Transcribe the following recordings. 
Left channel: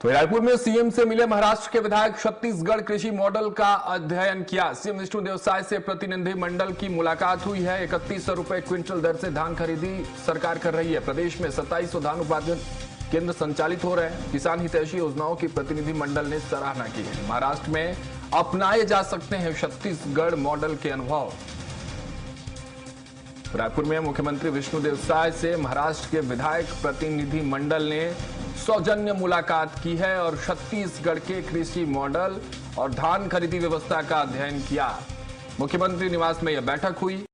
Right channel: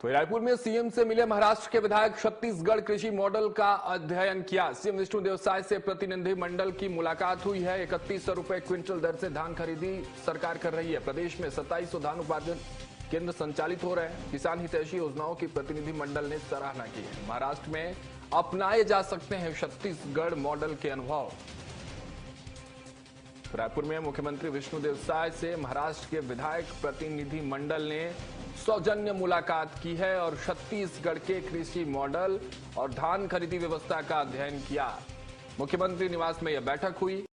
तो रायपुर में सीएम से मिले महाराष्ट्र के विधायक, छत्तीसगढ़ कृषि मॉडल का अध्ययन किया। सीएम विष्णु देवसाय से प्रतिनिधि मंडल की मुलाकात हुई है। 3100 रुपए क्विंटल दर से धान खरीदी सरकार कर रही है। प्रदेश में 2700 धान उत्पादन केंद्र संचालित हो रहे हैं। किसान हितैषी योजनाओं की प्रतिनिधि मंडल ने सराहना की है। महाराष्ट्र में अपनाए जा सकते हैं छत्तीसगढ़ मॉडल के अनुभव। रायपुर में मुख्यमंत्री विष्णु देवसाय से महाराष्ट्र के विधायक प्रतिनिधि मंडल ने सौजन्य मुलाकात की है और छत्तीसगढ़ के कृषि मॉडल और धान खरीदी व्यवस्था का अध्ययन किया। मुख्यमंत्री निवास में यह बैठक हुई।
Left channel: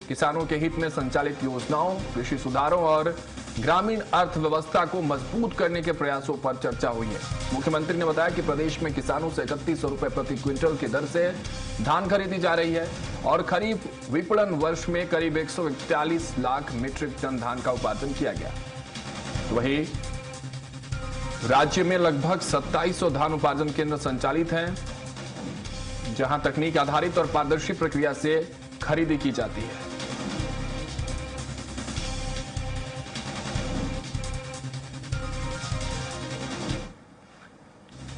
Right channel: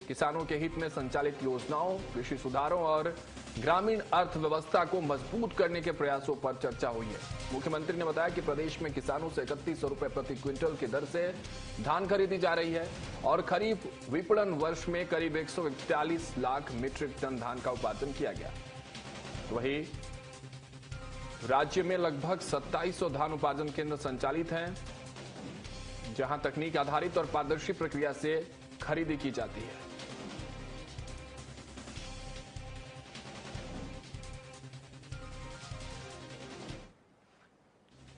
किसानों के हित में संचालित योजनाओं, कृषि सुधारों और ग्रामीण अर्थव्यवस्था को मजबूत करने के प्रयासों पर चर्चा हुई है। मुख्यमंत्री ने बताया कि प्रदेश में किसानों से 3100 रुपए प्रति क्विंटल की दर से धान खरीदी जा रही है और खरीफ विपणन वर्ष में करीब 141 लाख मीट्रिक टन धान का उत्पादन किया गया। वहीं राज्य में लगभग 2700 धान उत्पादन केंद्र संचालित हैं, जहां तकनीक आधारित और पारदर्शी प्रक्रिया से खरीदी की जाती है।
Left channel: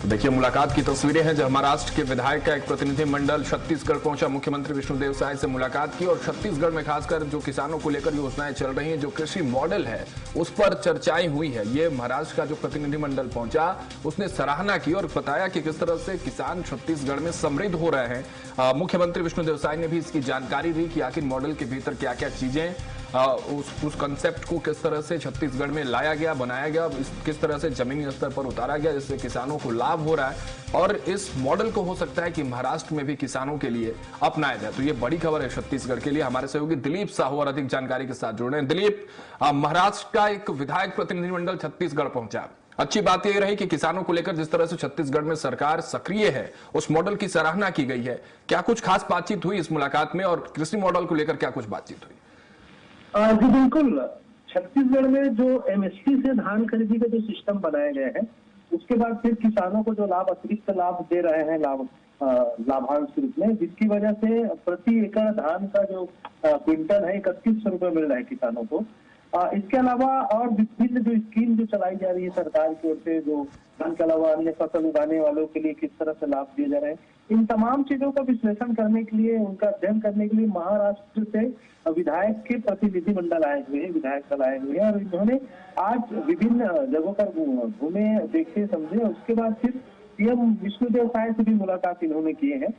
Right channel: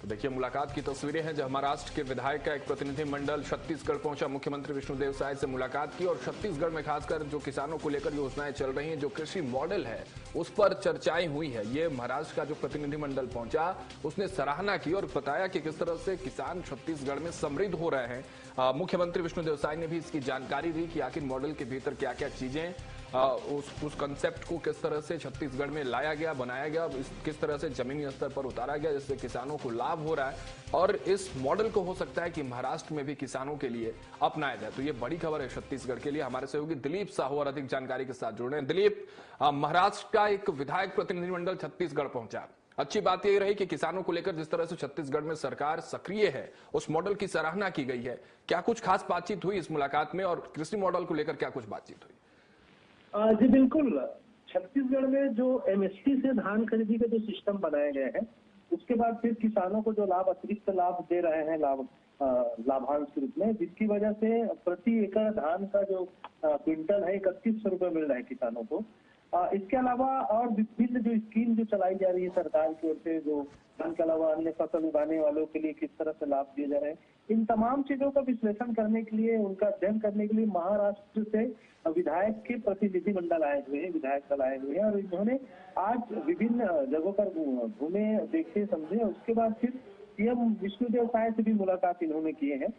तो देखिए, मुलाकात की तस्वीरें हैं जहां महाराष्ट्र के विधायक का एक प्रतिनिधि मंडल छत्तीसगढ़ पहुंचा। मुख्यमंत्री विष्णु देवसाय से मुलाकात की और छत्तीसगढ़ में खासकर जो किसानों को लेकर योजनाएं चल रही हैं, जो कृषि मॉडल है, उस पर चर्चाएं हुई है। ये महाराष्ट्र का जो प्रतिनिधि मंडल पहुंचा, उसने सराहना की और बताया कि किस तरह से किसान छत्तीसगढ़ में समृद्ध हो रहे हैं। मुख्यमंत्री विष्णु देवसाय ने भी इसकी जानकारी दी कि आखिर मॉडल के भीतर क्या क्या चीजें, उस कंसेप्ट को किस तरह से छत्तीसगढ़ में लाया गया, बनाया गया, किस तरह से जमीनी स्तर पर उतारा गया, जिससे किसानों को लाभ हो रहा है और इस मॉडल को हो सकता है कि महाराष्ट्र में भी किसानों के लिए अपनाया जाए। तो ये बड़ी खबर है छत्तीसगढ़ के लिए। हमारे सहयोगी दिलीप साहू और अधिक जानकारी के साथ जुड़ रहे हैं। दिलीप, महाराष्ट्र का एक विधायक प्रतिनिधिमंडल छत्तीसगढ़ पहुंचा। अच्छी बात यह रही कि किसानों को लेकर जिस तरह से छत्तीसगढ़ में सरकार सक्रिय है, उस मॉडल की सराहना की गई है। क्या कुछ खास बातचीत हुई इस मुलाकात में और कृषि मॉडल को लेकर क्या कुछ बातचीत हुई? जी बिल्कुल। छत्तीसगढ़ में जो एमएसपी से धान खरीदी का जो सिस्टम बनाए गए हैं, उसके बाद फिर किसानों को जो लाभ, अतिरिक्त लाभ दे रहे हैं, लाभांश रूप में, जिसकी वजह से प्रति एकड़ धान का जो क्विंटल है 3100 रुपए मिल रहा है किसानों को। इसके अलावा और विभिन्न जो स्कीम जो चलाई जा रही है सरकार की ओर से, जो धान के अलावा अन्य फसल उगाने वालों के लिए किस तरह से लाभ दिए जा रहे हैं, इन तमाम चीजों का विश्लेषण करने के लिए, उनका अध्ययन करने के लिए महाराष्ट्र से विधायक के प्रतिनिधि मंडल आए हुए हैं, विधायक दल आए हुए हैं और इन्होंने आज विभिन्न जगहों पर घूमे, देखे, समझे। उसके बाद फिर सीएम विष्णुदेव साय से भी मुलाकात इन्होंने किए हैं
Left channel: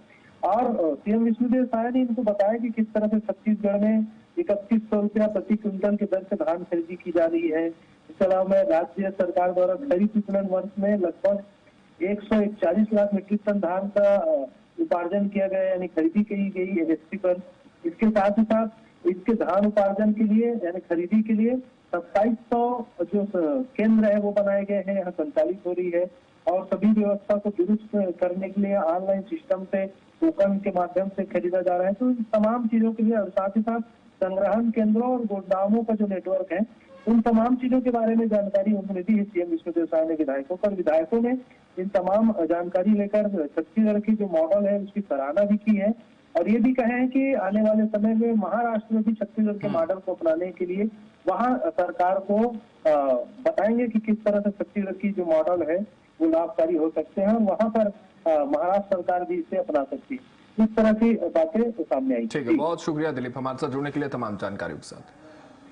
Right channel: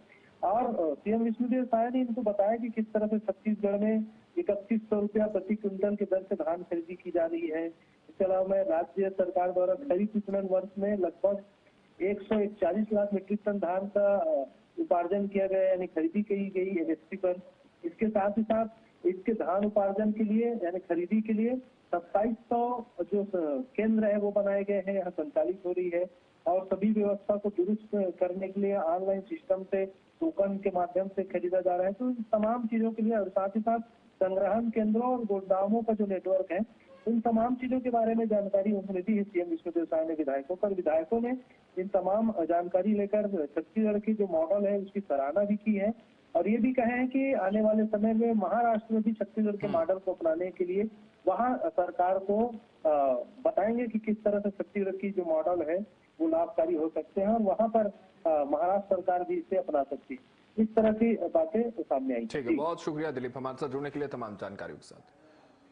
और सीएम विष्णुदेव साय ने इनको बताया कि किस तरह से छत्तीसगढ़ में ₹3100 प्रति क्विंटल की दर से धान खरीदी की जा रही है। इसके अलावा राज्य सरकार द्वारा खरीफ विपणन वर्ष में लगभग 141 लाख मीट्रिक टन धान का उपार्जन किया गया, यानी खरीदी की गई एमएसपी पर। इसके साथ ही साथ इसके धान उपार्जन के लिए यानी खरीदी के लिए 2700 जो केंद्र है वो बनाए गए हैं, यहाँ संचालित हो रही है। और सभी व्यवस्था को दुरुस्त करने के लिए ऑनलाइन सिस्टम से टोकन के माध्यम से खरीदा जा रहा है। तो इन तमाम चीजों के लिए और साथ ही साथ संग्रहण केंद्रों और गोदामों का जो नेटवर्क है, उन तमाम चीजों के बारे में जानकारी उनको मिली है सीएम विष्णुदेव साय ने विधायकों को। विधायकों ने इन तमाम जानकारी लेकर छत्तीसगढ़ की जो मॉडल है उसकी सराहना भी की है और ये भी कहे हैं कि आने वाले समय में महाराष्ट्र में भी छत्तीसगढ़ के मॉडल को अपनाने के लिए वहाँ सरकार को बताएंगे कि किस तरह से छत्तीसगढ़ की जो मॉडल है वो लाभकारी हो सकते हैं और वहाँ पर महाराष्ट्र सरकार भी इसे अपना सकती है। इस तरह की बातें सामने आई। ठीक है, बहुत शुक्रिया दिलीप हमारे साथ जुड़ने के लिए, तमाम जानकारी के साथ।